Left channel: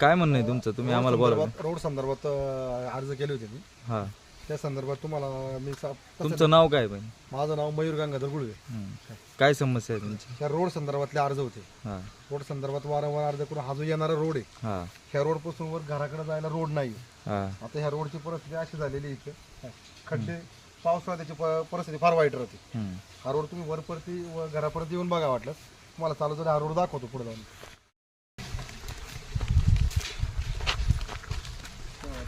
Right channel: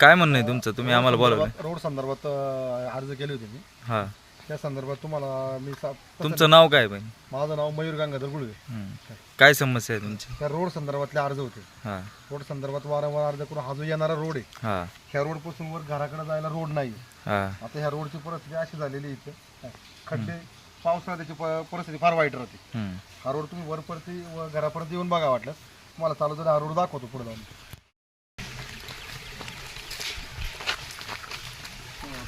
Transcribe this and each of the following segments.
काय म्हणणं आहे तुमचं? तुम्ही आम्हाला बोलावलं. रोड संदर्भात अं, अर्ज केले होते मी. हा. त्या संदर्भात तुम्हाला मी सा- तुमचं नाव काय पण माझं नाव मयूर गंगाधर गुळवे. हं. काय समस्या आहे तुमची? त्या रोड संदर्भातले अर्ज होते. हा. रोड संदर्भात वारंवार अर्ज करून हा जो येणारा रोड आहे हा. ह्या रोडपासून वर घराकडे जायला रोड नाही हा. आता ह्या रोडची परिस्थिती अशी झालेली आहे इथं. खड्डे पावसाळ्यात त्याची प- परिस्थिती फार वाईट राहते. हं. हा रोड तुम्ही वरपर्यंत व घरापर्यंत येऊन बघा वाटलं. तुम्हाला चालू तर हा रोड दाखवतो पुढे जाऊन.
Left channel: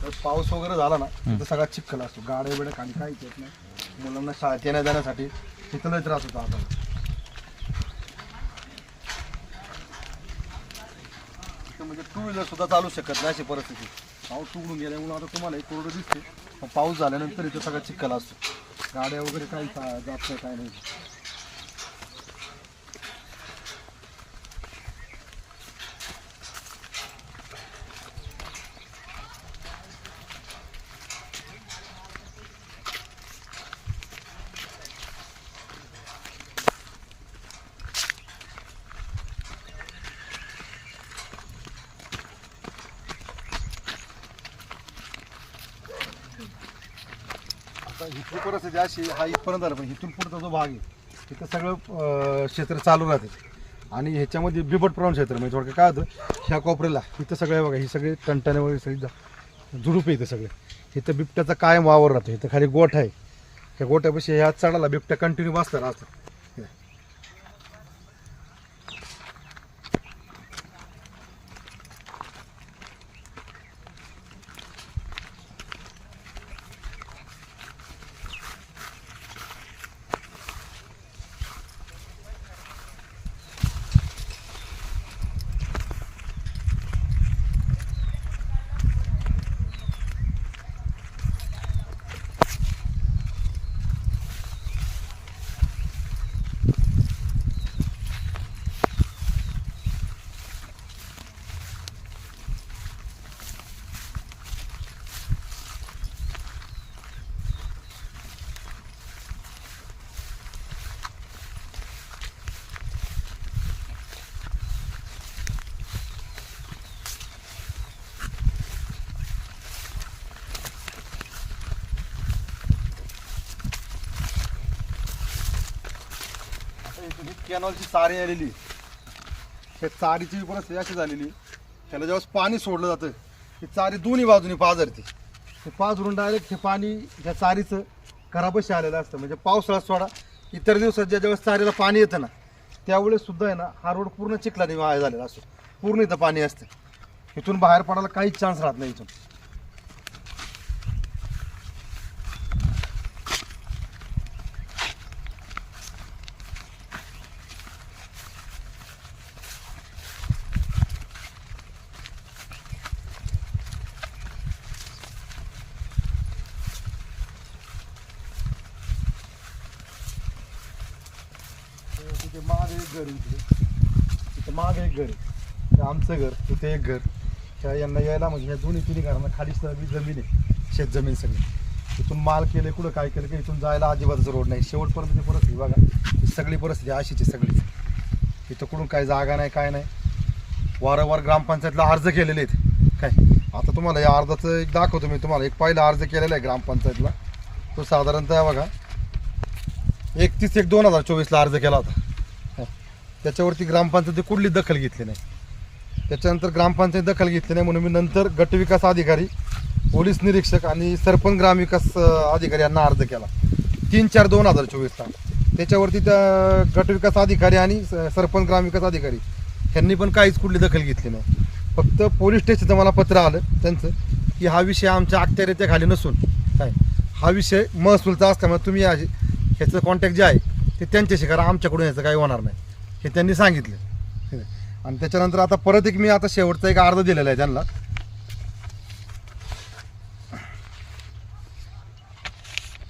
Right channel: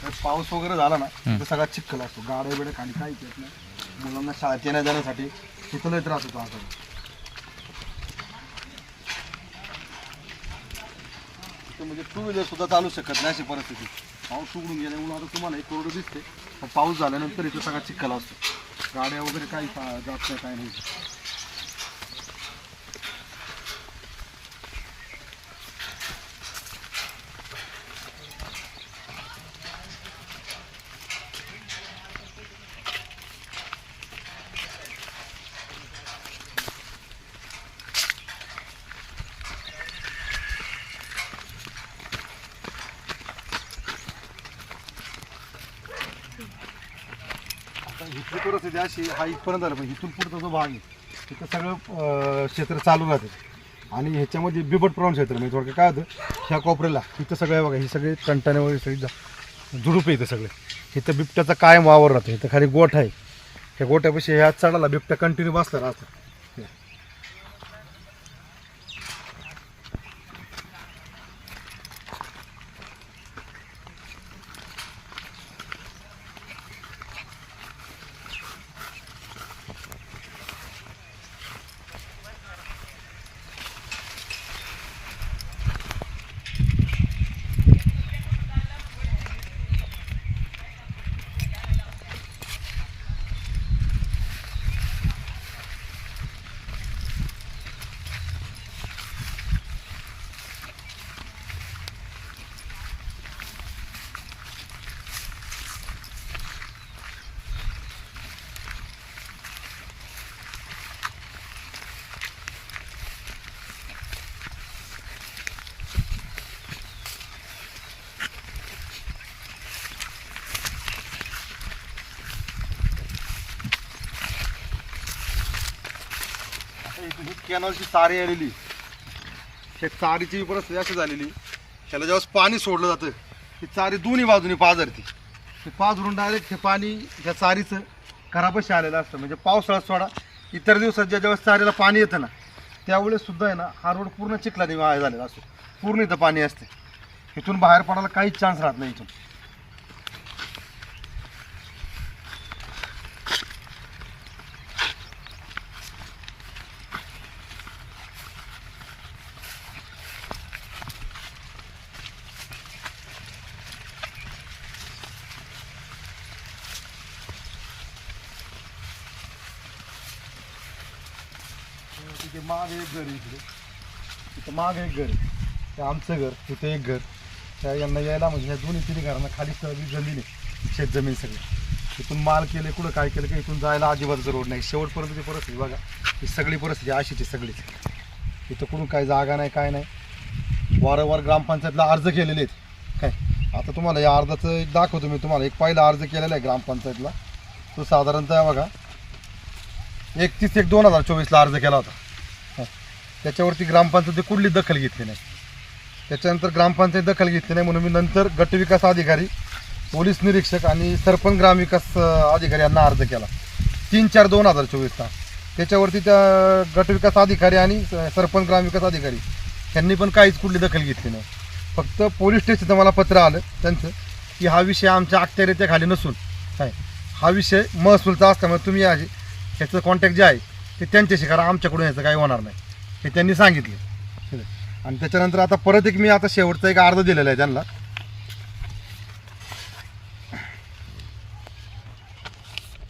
तर पाऊस वगैरे झाला ना तर सगळा चिखल असतो. गाड्या बिड्या खाली काहीच येत नाही. मुलांना शाळेत येण्या जाण्यासाठी तिथं लय त्रास होतो आता. म्हणजे टू व्हीलर सुद्धा चालू शकत नाही अशी परिस्थिती. पाऊस उघडून गेल्यामुळे आता तुम्हाला एक रोड दिसते पाऊस झाल्यानंतर इथं सगळा चिखल असतो. गाड्या वगैरे काही जात नाही काय नाही. इथली परिस्थिती अशी हा इथपर्यंत आला पण इथून पुढचा जो भाग आहे तिथं सगळं अं, क्षेत्र चालू राहते. आणि ह्याच्यामध्ये बिबट प्रवण क्षेत्र म्हणजे थोडक्यात काय होतं ह्या कोपऱ्याला इथं सगळं बघा हे सगळे कंटाने वगैरे सगळी जा- झुडूप आहे इथं सगळे. इथं बिबट्याचा कायम वावर राहतो. इथं खाली गोठ आहे. त्या गोठ्यापाशी ह्या चढाला बिबट्या कंटिन्यू बसला राहतो आता इथं ही कॅनलची चारी आलेली. ह्या चारीची परिस्थिती अशी झालेली. त्याला जेव्हा पाणी सोडलं जातं ती चारी दोन्ही बाजूनी पाजरते. ते पाजरून डायरेक्ट हे पाणी ह्या चारीचं घरापाशी आलेलं असतं. म्हणजे पावसाळा सोडा इतर दिवसात ज्या ज्यावेळेस चारीला पाणी येतं ना त्यावेळेस सुद्धा आहे ना हा रोड पूर्ण चिखला वाया झालेला असतो. पूर्ण इथं पाणी असते. इथून बाहेर पडायला काहीच चान्स राहत नाही इथून. ते माग एक घर इकडे. तिथं माग एक घर आहे. ते आमचं घर तिथे एक घर. त्या यांना यायला म्हणजे या दोन्ही तिन्ही घरांना खाली सगळी जमीन आहे. शेत जमीन सगळी. तिथून माल केले कुठं काय केलं की इथून जायला अजिबातच रोड नाही. शेवटपर्यंत ती परिस्थिती बघा. ही सगळी परिस्थिती अशीची सगळी. इथं कुठून काय जागा नाही काय नाही. वारंवार ग्रामपंचायतला अर्ज केलेले आहेत. काय? आता तुम्हाला या अर्जाचं एक दाखवतो मी तुम्हाला. एक पहिला अर्ज केलेला आहे ग्रामपंचायतला. तो साधारणतः बघा एकतीस एक दोन हजार चोवीसला अर्ज केला होता. त्याच्यावरती ग्रामपंचायती कुठली दखल घेतली नाही. त्याच्यानंतर ग्रामपंचायत दखल घेतली नाही म्हणून मी नंतर गटविकास अधिकारी पोलीस निरीक्षक आणि सरपंच ग्रामविकास अधिकारी यांना अर्ज केला. तीन चार दोन हजार चोवीसला त्याच्यावरती त्या गटविकास अधिकारी आणि सरपंच ग्रामविकास अधिकारी त्यांनी पण काहीच कुठली दखल घेतली नाही. फक्त पोलीस स्टेशनचं मला पत्र आलं त्यांचं की हा विषय आमच्या अखत्यारीत्या खाली नसून काय हा विषय महसूलचा असल्यामुळे तुम्ही या ह्याचं कॉन्टॅक्ट जे आहे ते त्यांच्याशी करा आमच्याकडून याचं काही होणार नाही. हे त्यांनी सांगितले. आणि त्याच्यानंतर आता परत एक मी आता शेवटचा एक अर्ज दिलेला आहे त्यांना.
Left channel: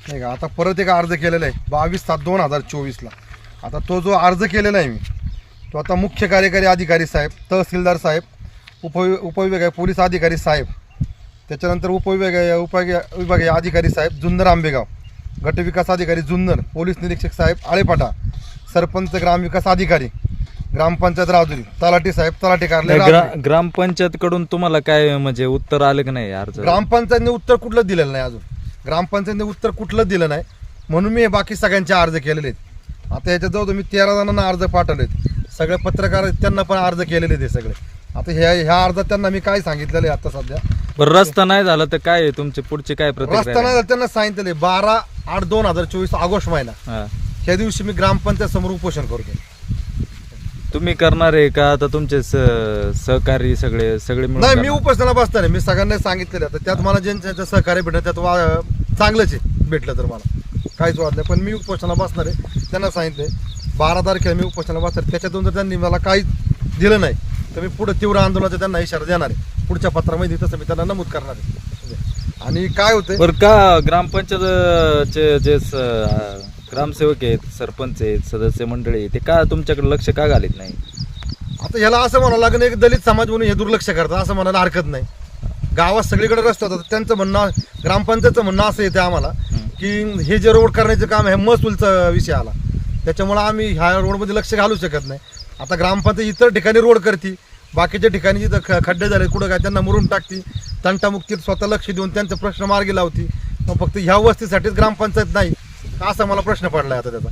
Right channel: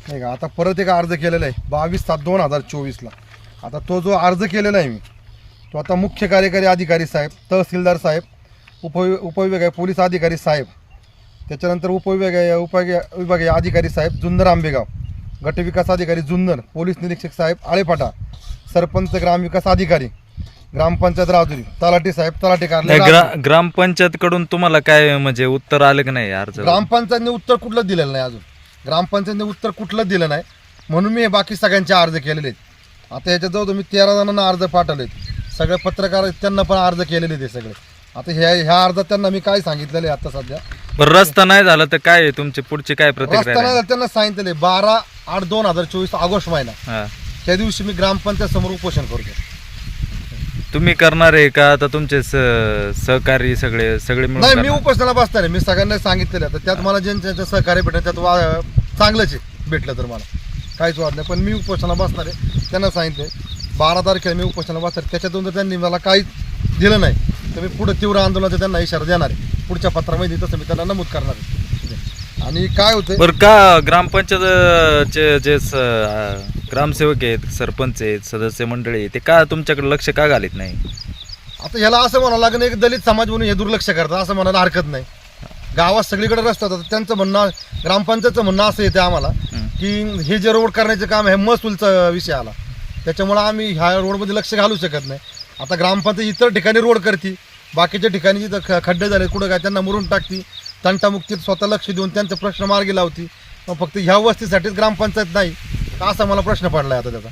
नाही का आता परत एक अर्ज केलेला आहे. बावीस सात दोन हजार चोवीसला. आता तो जो अर्ज केलेला आहे मी तो आता मुख्य कार्यकारी अधिकारी साहेब तहसीलदार साहेब उप उपविभागीय पोलीस अधिकारी साहेब त्याच्यानंतर उपविभागीय उपविभागीय अधिकारी साहेब जुन्नर आंबेगाव गटविकास अधिकारी जुन्नर पोलीस निरीक्षक साहेब आळेपाटा सरपंच ग्रामविकास अधिकारी ग्रामपंचायत राजुरी तलाठी साहेब तलाठी कार्यालय राजुरी. ग्रामपंचायत कडून तुम्हाला काय म्हणजे उत्तर आलं की नाही अर्ज? ग्रामपंचायतने उत्तर कुठलं दिलेलं नाही अजून. ग्रामपंचायतने उत्तर कुठलं दिलं नाही म्हणून मी बाकी सगळ्यांचे अर्ज केलेले आहेत. आता जाऊ मी तेरा जणांना अर्ज पाठवलेत. सगळे पत्रकार आहेत, त्यांना पण अर्ज केलेले ते सगळे. आता ह्या ह्या अर्जात त्यांना मी काय सांगितलेलं आहे आता सध्या? बरं रस्ता नाही झाला तर काय आहे? तुमची पुढची काय प्रतिक्रिया रस्ता नाही? झाला, त्यांना सांगितलेलं बारा आठ दोन हजार चोवीस ऑगस्ट महिना. हा. त्या दिवशी मी ग्रामपंचायत समोर उपोषण करतो तुम्ही करणार आहे का? आता तुमचे स- सहकारी सगळे सगळे मिळून नाही मी करणार? उपोषणाला बसणार आहे. मी सगळ्यांना सांगितलेलं आहे. तर त्यात मला ज्यांच्या सहकार्य भेटलं त्यात वा चांगलंच आहे. भेटलं तर मला. काहीच वाद नाही. पण मी उपोषणाला बसणार आहे. त्यांना सांगितलं बारा तारखेला मी उपोषणाला बसणार आहे. त्याच्यातून जर त्यांनी मला काहीच दिलं नाही तर मी पुढे तीव्र आंदोलनाचा त्यांना इशारा देणार आहे. पुढच्या पत्रामध्ये तसं मी त्यांना नमूद करणार आहे. आणि काय होतंय? बरं का ग्रामपंचायतचे जे स- अं, ग्रामसेवक आहेत सरपंच आहेत सदस्य मंडळी आहेत, ते का तुमच्याकडे लक्ष का घालीत नाही? आता ह्याला असं म्हणावं लागेल एक दलित समाज म्हणून हे दुर्लक्ष करतात असं म्हणायला हरकत नाही. गावात सगळीकडे रस्ते होतात त्यांचं म्हणणं ग्रामपंचायतचं म्हणणं असं येते आम्हाला. की हे जे रोड करण्याचं काम आहे हे महसूलचा विषय आला. त्याच्यामुळे आम्ही ह्या रोडमध्ये लक्ष घालू शकत नाही. आता ग्रामपंचायत इतर ठिकाणी रोड करते बाकीच्या ठिकाणी जिथं ख- खड्डे झाले कुठं काय त्यांना मुरून टाकती तंटामुक्तीत स्वतः लक्ष देऊन त्यांचे प्रश्न मार्गी लावती. मग फक्त ह्या वस्तीसाठीच ग्रामपंचायत नाही असा मला प्रश्न पडलाय आता त्याचा.